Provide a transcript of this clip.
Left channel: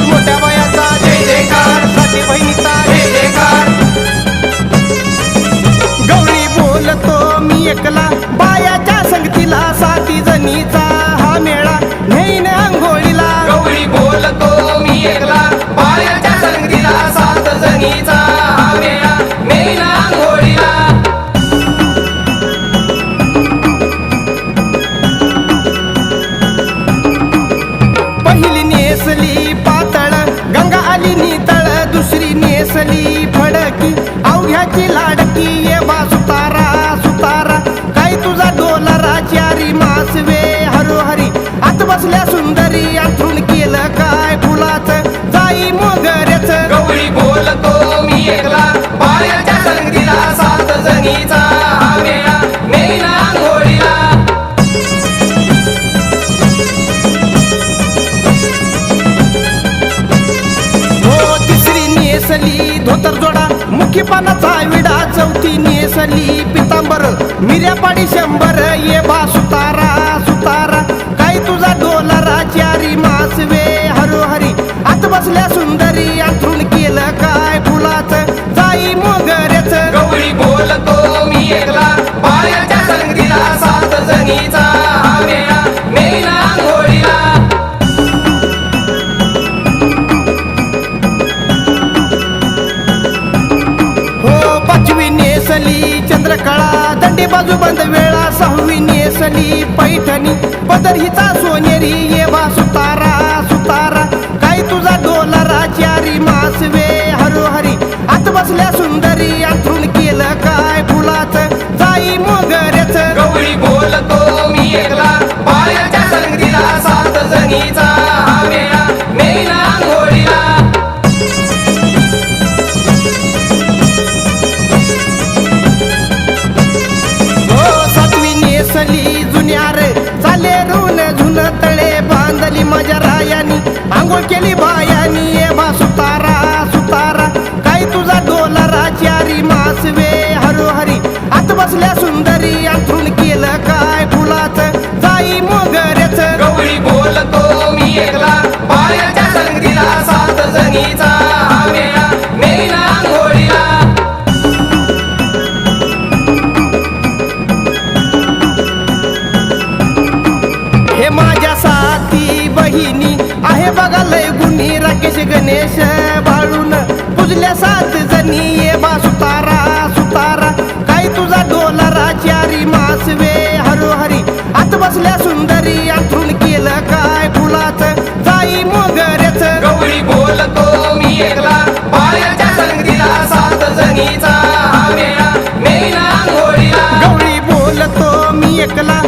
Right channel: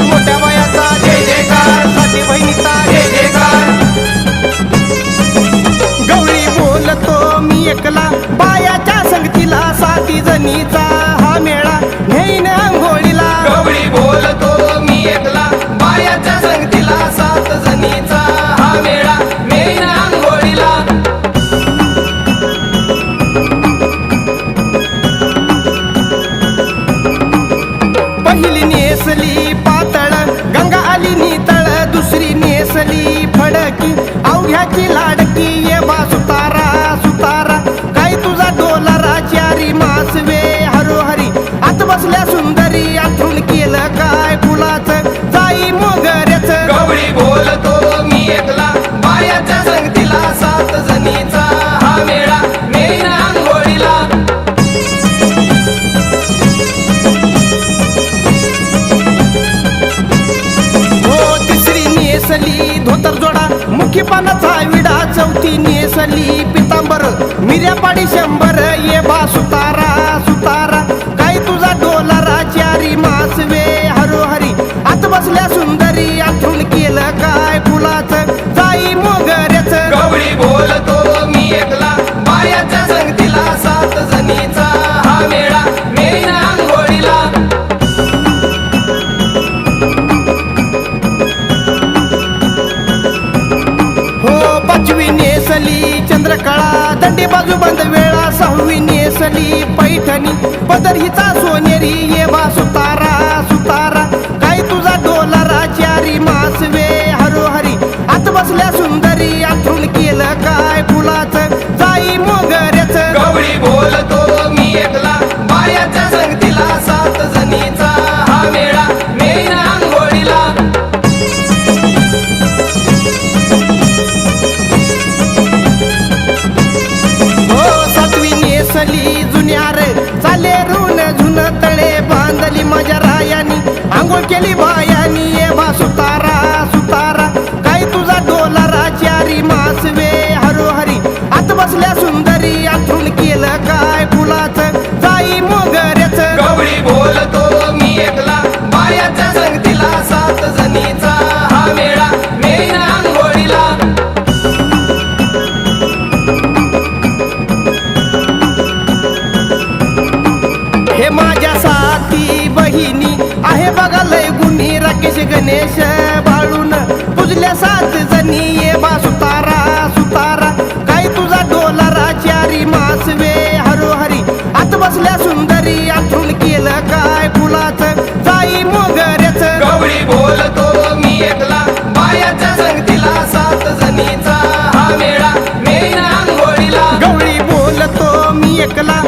मोठ्या बायाचा दुसरी फडकी अवघ्याची लाडकी. नेसली धोतर जोडा मुखी पानाचा विडा चौथी नेसली पितांबर. मिऱ्यापाडी शंभर ये बा सुतारा सुतारा. काय तुझा डोलारा चारी मासवे हरोहरी. आत बसल्या सुंदरी अंथरून केलं काय फुलाचं? जाई मोगऱ्याच. बोलतो मी पाचवी नेसली चंद्रकळा दंडी बाजू बंद वेळा सहावी नेसली पैठणी पदर हिचा सोनेरी ये बासू बांधली जुन्यार चाले रून झुन तळे बांधली माझ्या रायानी. आंघोळ केली बायानी. हे माझ्या साथी बहिणी. आहे बघा लय गुन्ही राकेश गणेश बाळून. पुजल्या सात जणी ये बा सुतारा सुतारा. काय तुझा डोलारा चारी मासवे हरोहरी. आत बसल्या सुंदरी अंथरून केलं काय फुलाचं? जाई मोगऱ्याच. गवळी बोलतो मी एकला. बायाच्या संगतीला सात जणीचा वेळा नेईन आंघोळीला. गवळी बोलतो मी एकला.